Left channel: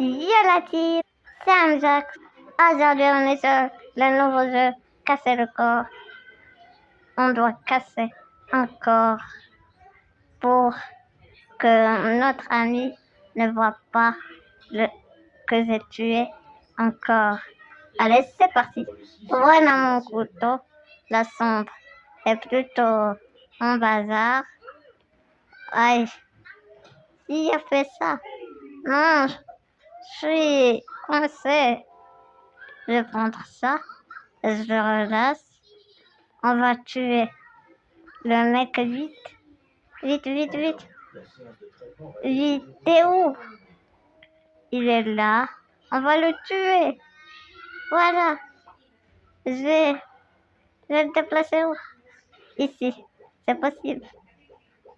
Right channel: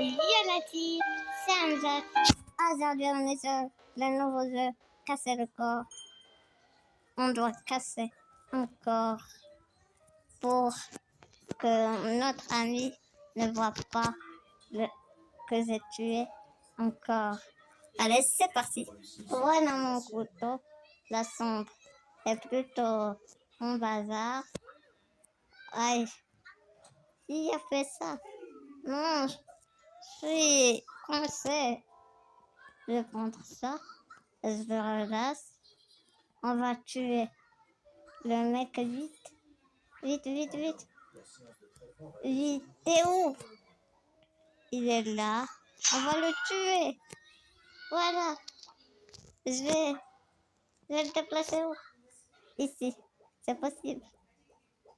Yolati, Saint-Jacques. Aujourd'hui, on est sur le nouveau jeu Casser le corps. On doit casser un corps pour que notre ami ne voit pas que j'ai tué un corps. Allez, c'est parti. Voilà mon couteau. La sombre est plutôt un bazar. Aïe, qui a fait ça? Non, je suis coincé. Je vais prendre ça, je le relâche. On va tuer le mec vite. Vite, vite, vite. Vite, t'es où? Il est là. On va le tuer. Voilà. Je vais le déplacer où? Ici. C'est possible.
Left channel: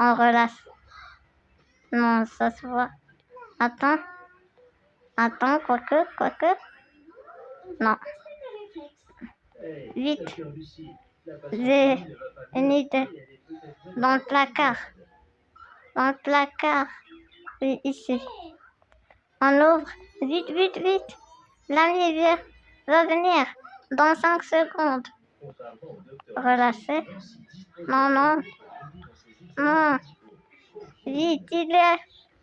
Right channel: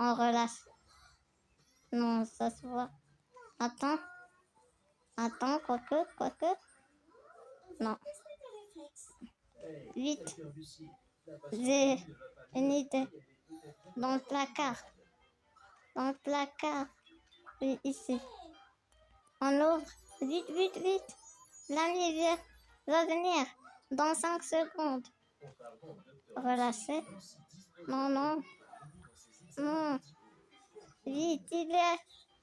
On relâche. Non, ça se voit. Attends. Attends, quoique. Non. Vite. J'ai une idée. Dans le placard. Dans le placard. Oui, ici. On ouvre. Vite, vite, vite. L'ami va venir dans 5 secondes. Relâchez. Non, non. Non. Vite, il est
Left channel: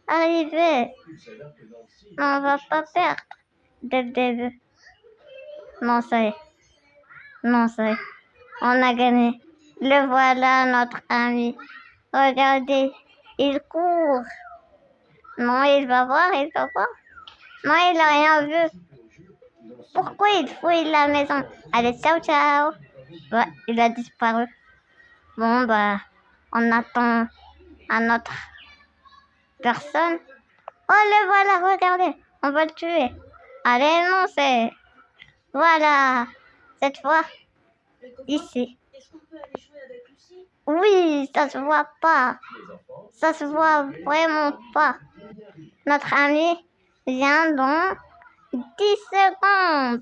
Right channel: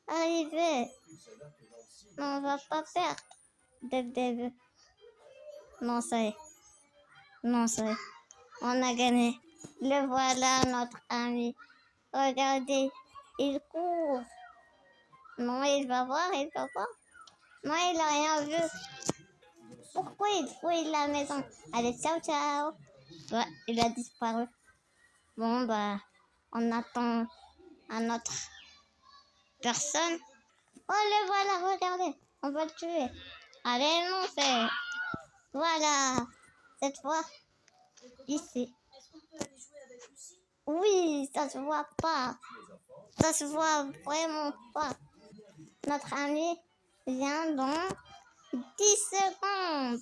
arrivé. Non, on va pas perdre dès le début. Non, ça y est. Non, ça y est. On a gagné. Le voilà, notre ami. Regardez, il court. Non, il va voir. Non, il n'a rien vu. Pourquoi il fouille la maison? Allez, ciao, ciao. Ouais, il a disparu. Bon, bah, on attend un autre personne. Oh, le voilà, regardez. On va le tuer. Allez, non, c'est... Voilà. Cette fois, ici. Oui, ça se voit pas. Ça se voit vraiment pas. Notre ami vient dans 10 secondes.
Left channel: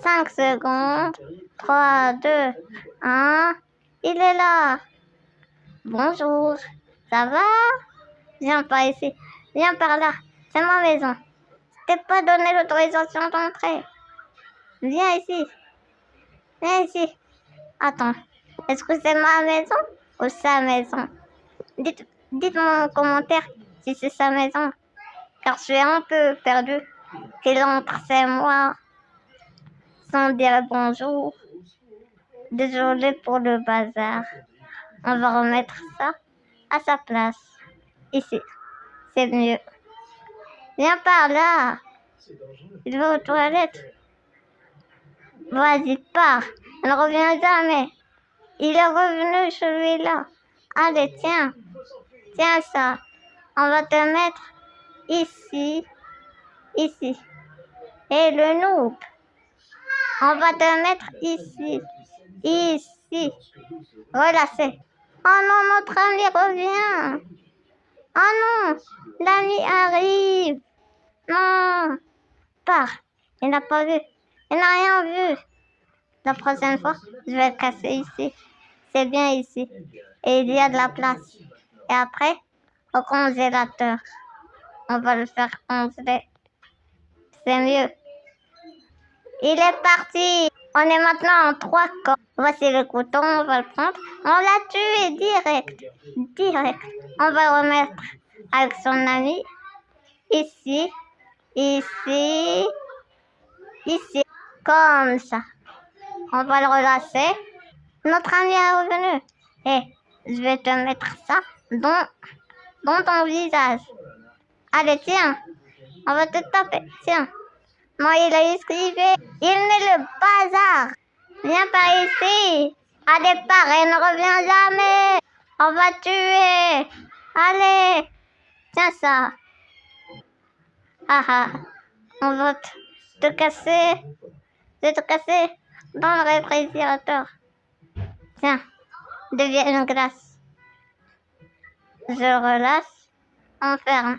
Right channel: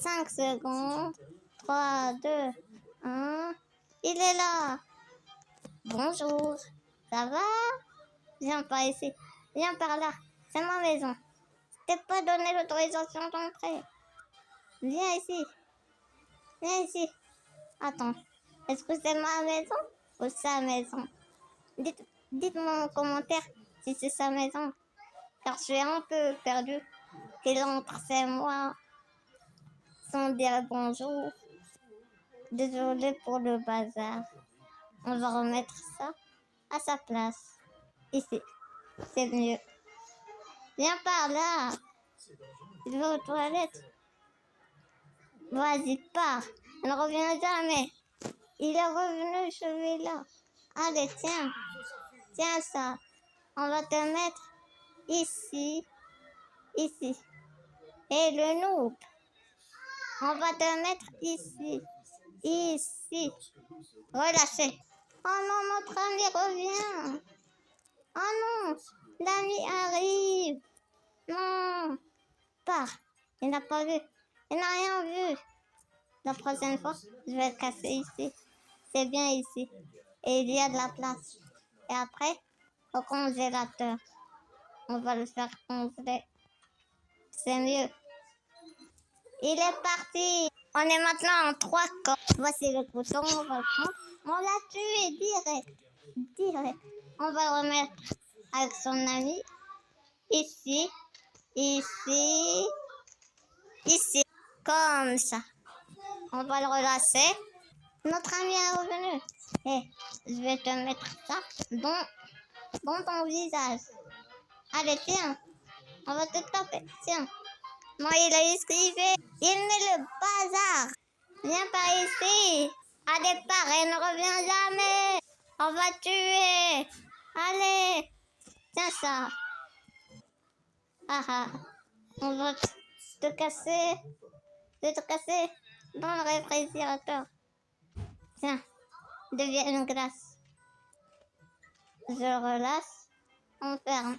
5 secondes. 3, 2, 1. Il est là. Bonjour. Ça va? Viens par ici. Viens par là. C'est ma maison. Je t'ai pas donné l'autorisation d'entrer. Viens ici. Viens ici. Attends. Est-ce que c'est ma maison ou sa maison? Dites-moi en commentaire si c'est sa maison. Car je suis un peu perdu. Qu'il entre, c'est moi. Sans dire bonjour. Désolé pour le bazar. On va remettre ça à sa place. Ici. C'est mieux. Viens par là. Il va aux toilettes. Vas-y, pars. Il ne revient jamais. Il est revenu celui-là. Allez, tiens. Tiens ça. On va te mettre ici. Ici. Et le noob. On va te mettre ici. Ici. Relâchez. Oh non, notre ami revient. Oh non, l'ami arrive. Non. Pars. Il n'a pas vu. Il n'a rien vu. La prochaine fois, je vais le casser ici. C'est bien ici. Et il y a de la place. Et après, au congélateur. On va le faire congeler. C'est mieux. Il est parti. On est maintenant en 3 corps. Voici le couteau, on va le prendre. On l'a tué direct. Direct. On va le remettre avec son ami. Ici. Ici. Ici. Comme ça. On va le relâcher. Notre ami est revenu. Et je vais te mettre ça dans ton visage. Allez, tiens. On va te taper. Tiens. Non, il a esquivé. Il est le bazar. Viens par ici. Allez, pars et ne reviens jamais. On va tuer. Allez. Tiens ça. Ah ah. On va te casser. Je vais te casser dans le réfrigérateur. Tiens. Deviens une glace. Je relâche. On ferme.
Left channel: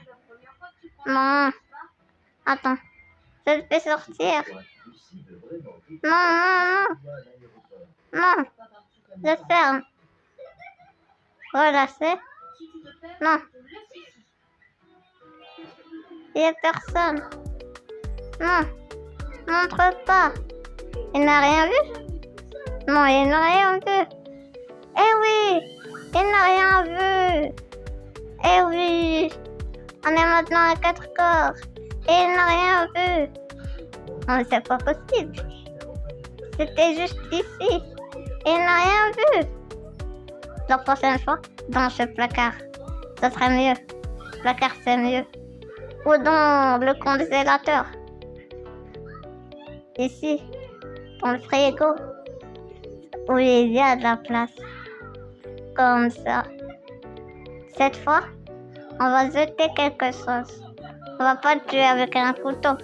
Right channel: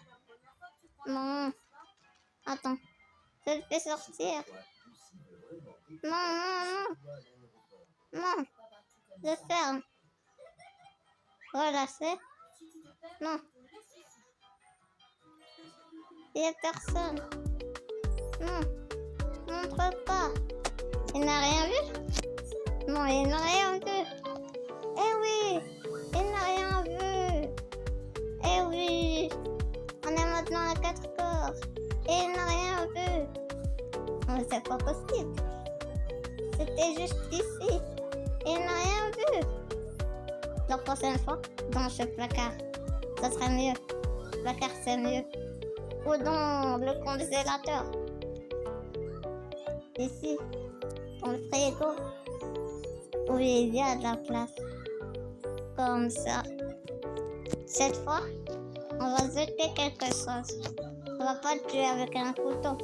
Non. Attends. Je le fais sortir. Non, non, non. Non. Je ferme. Relâchez. Non. Il n'y a personne. Non, montre pas. Il n'a rien vu? Non, il n'a rien vu. Eh oui, il n'a rien vu. Eh oui, on est maintenant à 4 corps. Et il n'a rien vu. Non, mais c'est pas possible. C'était juste ici. Et il n'a rien vu. La prochaine fois, dans ce placard, ça serait mieux. Le placard, c'est mieux. Ou dans le congélateur. Ici, dans le frigo, où il y a de la place. Comme ça. Cette fois, on va jeter quelque chose. On va pas le tuer avec un couteau.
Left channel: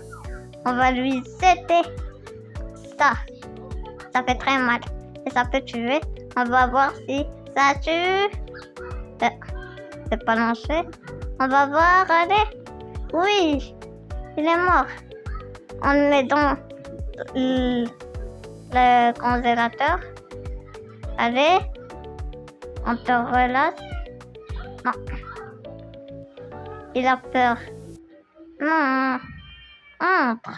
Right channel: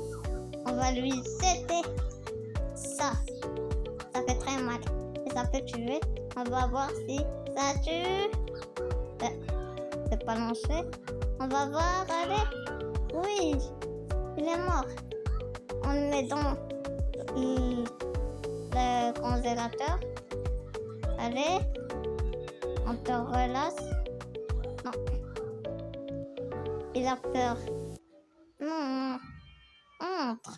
On va lui jeter ça. Ça fait très mal. Et ça peut tuer. On va voir si ça tue. C'est pas lancé. On va voir, allez. Oui, il est mort. On le met dans le congélateur. Allez, on te relâche. Non, il a peur. Non, entre,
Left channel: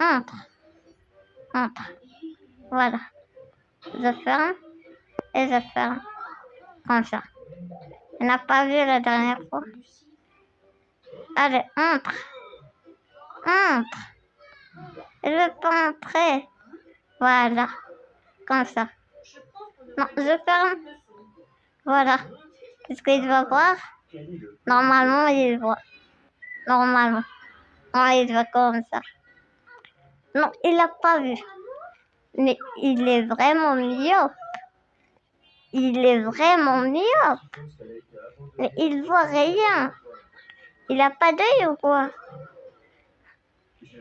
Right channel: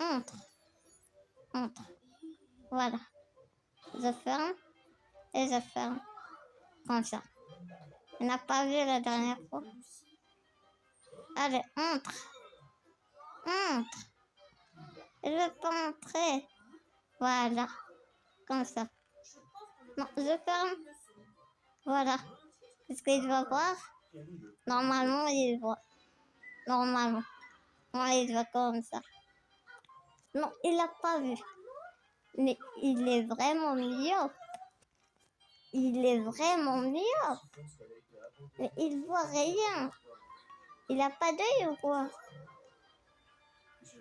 entre, entre. Voilà, je ferme et je ferme comme ça. Il n'a pas vu la dernière fois. Allez, entre, entre. Il veut pas entrer. Voilà, comme ça. Non, je ferme. Voilà. Qu'est-ce qu'il va voir? Normalement, il voit. Normalement. Non, il va comme ça. Non, il l'a pas vu. Mais il est vraiment myope. Il est vraiment myope. Mais il voit rien. Il a pas d'œil ou quoi?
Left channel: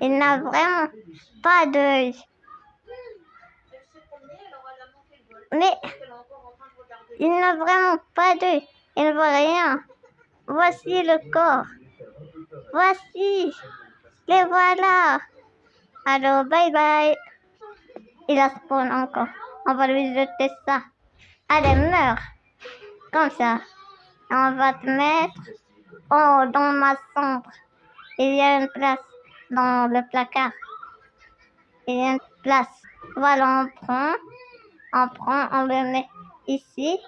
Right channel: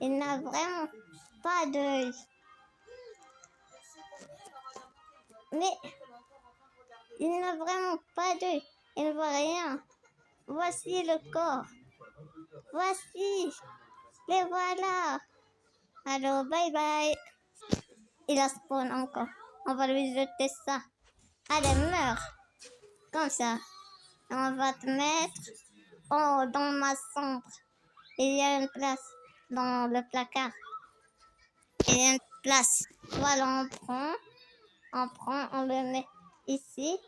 Il n'a vraiment pas d'œil. Mais il n'a vraiment pas d'œil. Il ne voit rien. Voici le corps. Voici. Les voilà. Alors, bye bye. Il a spawn encore. On va lui jeter ça. Allez, meurs. Comme ça. Et on va te mettre dans ma chambre. Il y a une place dans le placard. Il y a une place. Voilà, on le met ici.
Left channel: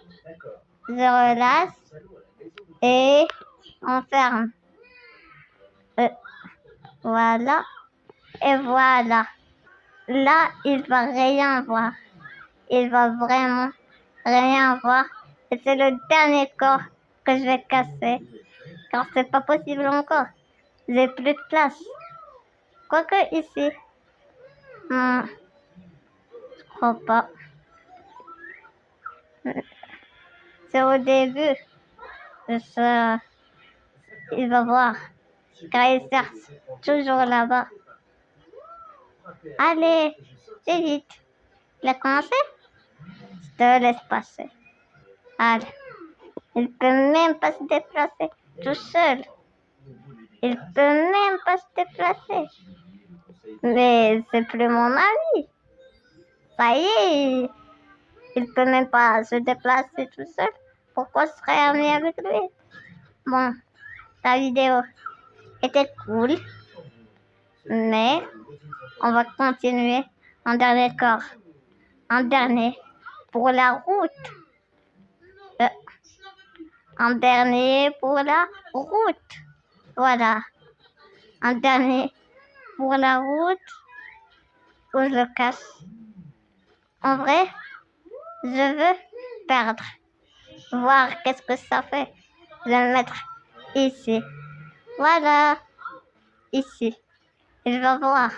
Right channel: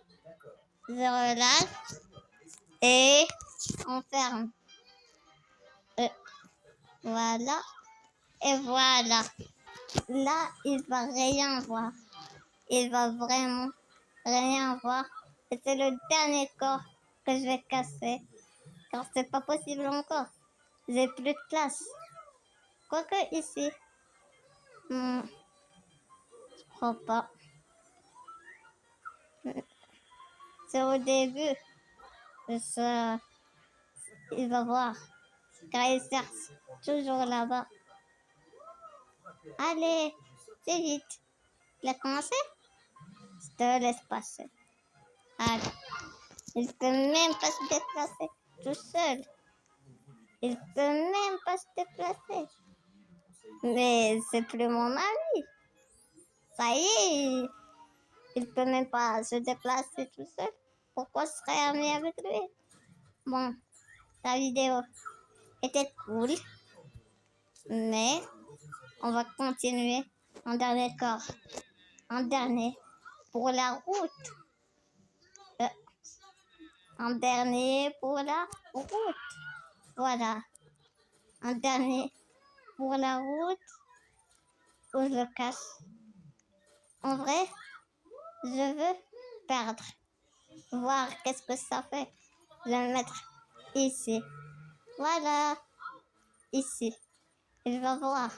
Je relâche. Et on ferme. Voilà. Et voilà. Là, il va rien voir. Il va vraiment rien voir. Et c'est le dernier corps que je vais casser. Car c'est pas possible encore. J'ai plus de place. Quoique ici. Je crois pas. C'est au début. Il va voir. Car il cherche toujours là-bas. Allez, c'est vite. Il a commencé? Je te laisse passer. Allez. Il peut même pas se déplacer tout seul. Il peut même pas se déplacer. Mais c'est plus mon ami. Ça y est. Il peut même pas se déplacer tout seul. Pourquoi je serais ami avec lui? Bon, la vidéo était cool. Mais on va continuer en dernier corps. En dernier pour la route. En dernier pour la route. Voilà. En dernier pour la route où je le cache. En vrai, je veux perdre. Voir qu'est-ce que ça fait. Je vais le mettre ici. Voilà. Ici. Il va voir.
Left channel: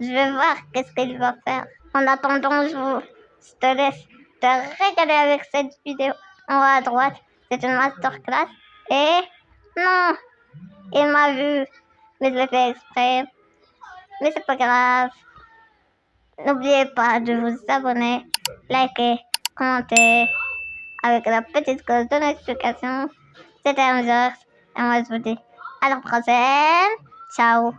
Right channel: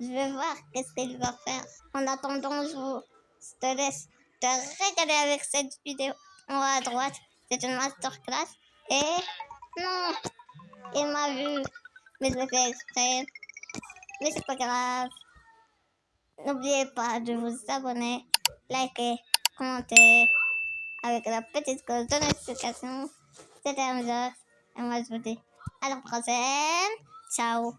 Je vais voir qu'est-ce qu'il va faire. En attendant, je te laisse te régaler avec cette vidéo. En haut à droite, c'est une masterclass. Et non, il m'a vu. Mais je l'ai fait exprès. Mais c'est pas grave. N'oubliez pas de vous abonner, liker, commenter avec la petite cloche de notification. C'était Amjad. Et moi je vous dis à la prochaine. Ciao.